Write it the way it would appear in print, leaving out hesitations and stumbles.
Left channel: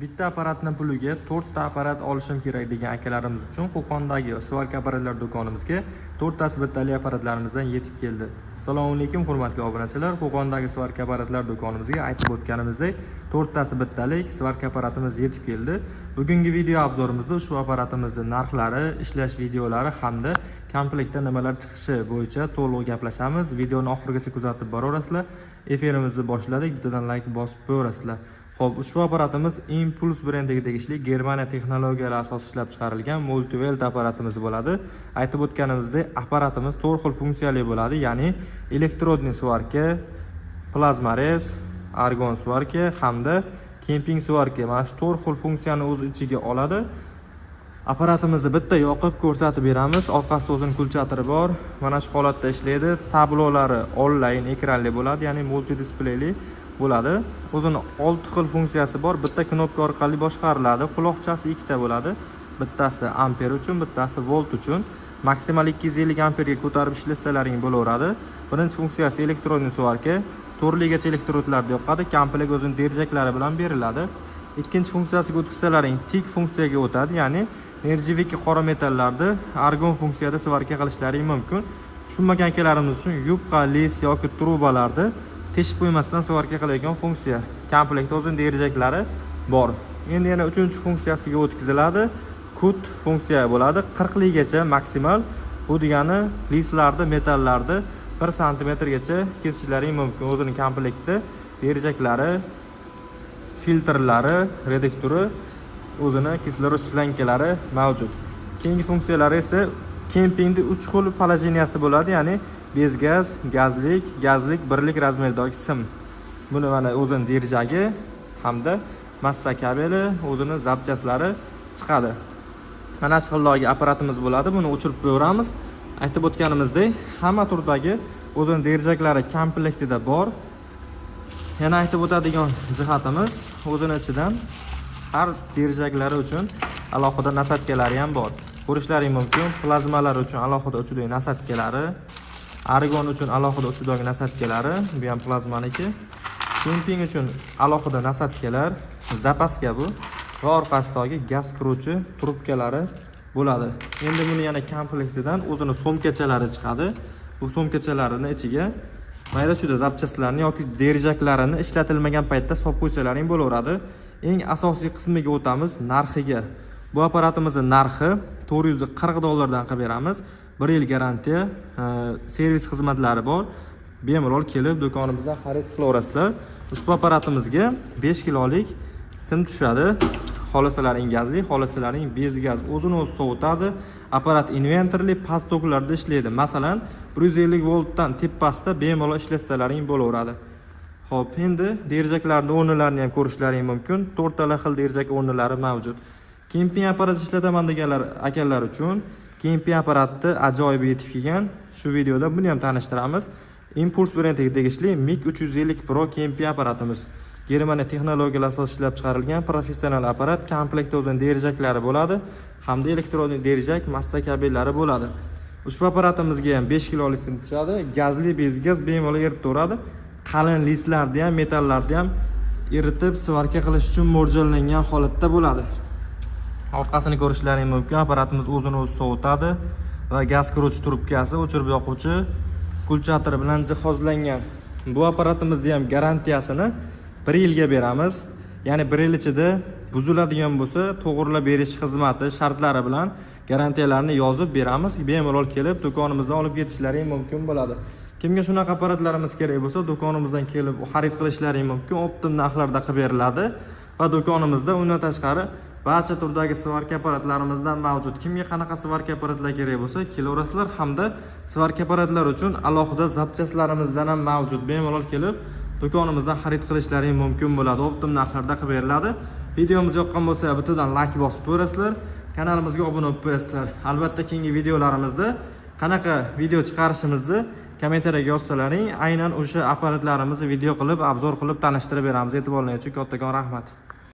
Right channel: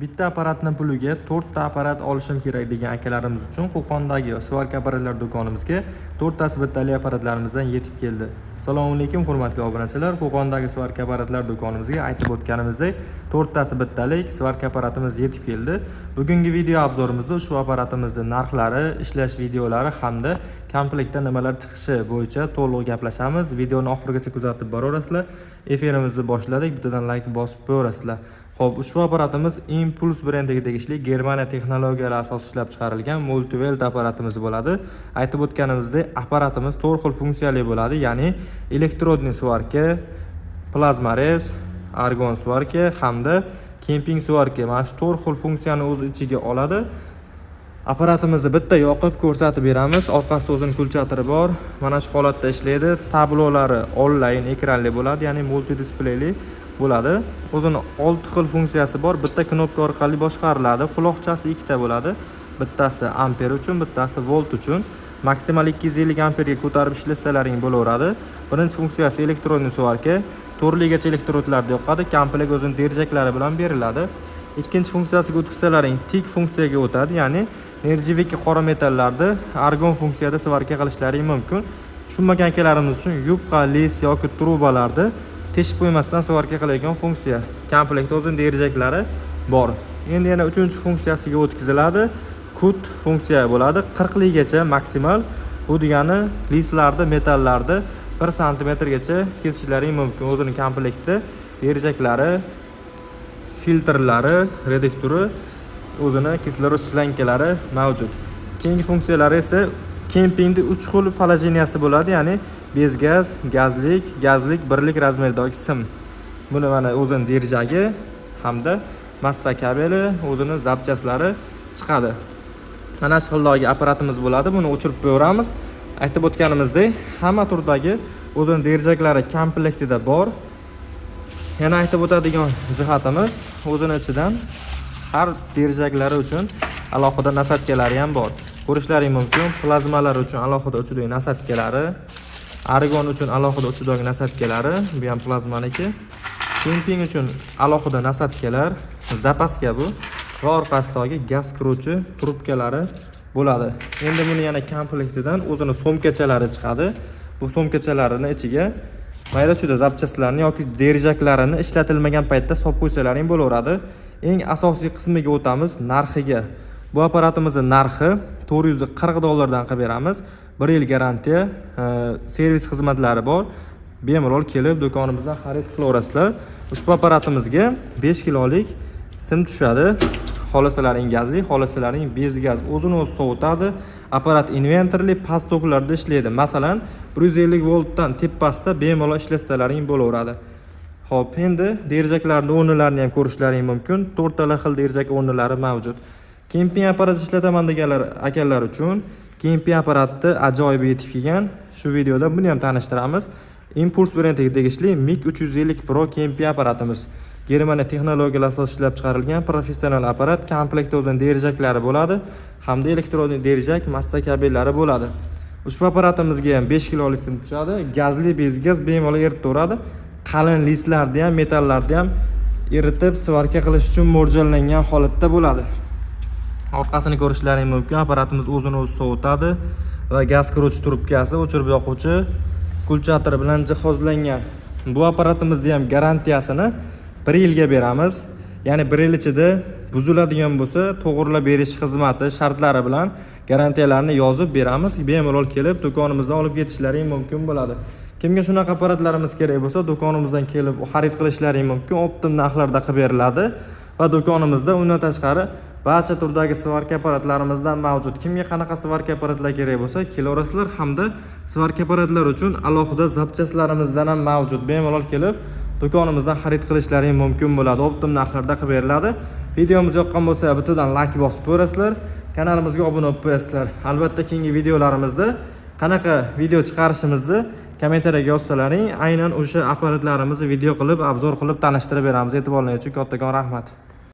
Bitta apparatning puliga 4 ta apparat olishim kerak degan akalarimiz uchun Qo'qondagi svarka apparatlar do'konimizga 4 tasi bittali apparatlarimizdan yetib keldi. Assalomu alaykum hurmatli obunachilar. Qo'qondagi svarka apparatlar do'konimizga aytib o'tganimizdek 4 tasi bittalik svarka apparatimiz yetib keldi. Bugungi video obzorimizda ushbu apparatimizning narxlari, ishlash videolari hamda komplektda nimalar chiqishi bo'yicha to'liq gaplashamiz. Videoni oxirigacha kuzatib boraverasizlar. Efirimizni boshladik. Bittadan like bosib qo'yaverasizlar. Xo'p, ushbu apparatimiz Impuls brendiga tegishli Germaniya texnologiyalari asosida ishlab chiqarilgan multivelt apparatimiz bo'ladi. Aytib o'tganimizdek, apparatimiz 4 xil funksiyali bo'ladi, ya'ni elektrodniy svarka, plazmarez, argon svarka hamda kemping svarka. Mana shu 4 xil funksiyani o'z ichiga oladi. Apparatimizni bitta yoqib ko'rsatib beramiz. Orqasida o'zining kulchatiri bor. Mana shu holatda ishlaydi. Tablolari onlayn ekranli bo'ladi, ya'ni multi displeyli bo'ladi. O'zining 6 xil funksiyasi bor. Bitta knopka orqali boshqariladi. Quloqchasi ikkita bo'ladi. Bittasi amper uchun, bittasi volt uchun. Maksimal 250 amperga ko'tarib ishlasalaring bo'laveradi. Birinchi funksiyasi elektrodniy svarka. Turligacha elektrodlarda yoqadi. Komplekt o'zining derjaklari bilan beriladi. Ikkinchi funksiyasiga o'tkazsalaring tik funksiyaga o'tadi, ya'ni nержавейка qora metallarda argon funksiyada svarka qilishlaring mumkin. Tushunmagan akalarimiz uchun yupqa, les yoki trubalarda teshib qo'ymasdan svarka qiladigan funksiya. Komplektda o'zining derjaklari bor. Endi yana 3-funksiyasiga o'tkaziladi. Kut funksiya bo'ladi. 40 ligacha maksimal. Bu degani leslarda, metallarda 1 santimetrgacha kesishlaring mumkin. O'zining komplektda derjaklari, filtrlari, reduktori, o'zining kislorod shlankalari mavjud. Keyingi funksiyalari esa kempingda 3 xil положенияsi bo'ladi, ya'ni bez gaz, gazlik, gazlik birlik razmerdagi sim. Buni mana o'zining derjagi hamda massa kabeli, o'zining zapchaslari chiqadi. Mana shu xildagi apparatimiz bo'ladi. Buni o'chirib qo'yamiz. Aytib o'tganimizdek, hamma turdagi o'zining derjaklari komplektida bor. Yana aytib o'tadigan jihatimiz, o'zining ichidan har derjaklari uchun alohida nasatkalari ham bor. Ko'rishlaring mumkin. Plazmalar uchun alohida uchidagi nasatkalari, argon uchun alohida uchidagi nasatkalari, bu ham plazmaniki. Kemping uchun alohida nasatkalar, zapaska bu va orqasidagi gaz kiruvchi trubkalari bo'ladi. Endi buni yana komplektidan o'zining so'mkachalari chiqadi. Bu so'mkachalarining ichiga mayda-chuyda zapchastlarni yoki derjaklarini ishlatilmagan paytda solib qo'ysalaring bo'laveradi. Eng asosiy qismiga o'tamiz, narxiga. Bu apparatimizning narxi $440 qilib beramiz. 1 yil garantiya, servis xizmatlari bor. Bemalol kelib do'konimizdan xarid qilaverasizlar. Ushbu apparatimizga 5 kilolik sim tushadi. Xolasalaring gazli, xolasalaring bez gaz o'zini o'zi sovutadi. Apparat inverterli past toklarda ishlaydi. Masalan, 150 voltdan tepasida bemalol ishlasalaring bo'laveradi. Xo'p, endi derjaklarning o'rnlarini ham ko'rishlaring mumkin. 4 ta xil derjak o'rnlari mavjud. Kemping apparat ishlataman deganlar akalar uchun kemping apparatni ajoyib yetib kelgan. Shu videoda buni ham tanishtiramiz. Impuls brendiga tegishli MiG 350 Pro kemping apparatimiz. Germaniya texnologiyalari asosida ishlab chiqarilgan professional apparat. Komplektda o'zining derjaklari bo'ladi hamda elektrodniy derjak, massa kabellari bo'ladi. Ushbu apparatimizga ham 5 kilolik sim tushadi. Gazli bez gaz bemalol eritaveradi. Qalin leslarda ham, metallarda ham eritib svarka qilish uchun mo'ljallangan holatda bo'ladi. Orqasini ko'rishlaring mumkin. Apparatimiz o'zini o'zi sovutadi va gaz kiruvchi trubkasi, o'chirib yoquvchi kulchatiri bilan jihozlangan. Bu apparatimizning ham garantiyasini 1 yilga beramiz. Ya'ni 1 yil ichida buziladigan bo'lsa, to'g'rilab berish xizmati shartlari bilan garantiyalarni yozib beramiz. Bemalol kelib do'konimizdan olib ketishlaring mumkin bo'ladi. Kimga shunaqa apparatlarimiz kerak bo'lsa, do'konimizdan kelib xarid qilishlaring mumkin. Optim narxlarda qilib beriladi va do'konimizda undan tashqari barcha turdagi svarka apparatlarimizdan mavjud. Kimga qanaqa svarka apparatlar kerak bo'lsa, kelaverasizlar hamda svarka apparatlar uchun alohida zapchaslarimizdan ham mavjud. Bemalol kelib do'konimizdan xarid qilishlaring mumkin bo'ladi. Optim narxlarda qilib beriladi. Videomiz yoqqan bo'lsa, bittadan like bosib qo'yasizlar. Kanalimizga obuna bo'lib qo'yasizlar. Albatta keyingi videolarimizda qanaqa video chiqarishimizni kommentariyaga yozsalaring, aynan o'sha apparatlarimizni video qilib, obzor qilib tanishtirib beramiz. E'tiborlaringiz uchun kattakon rahmat.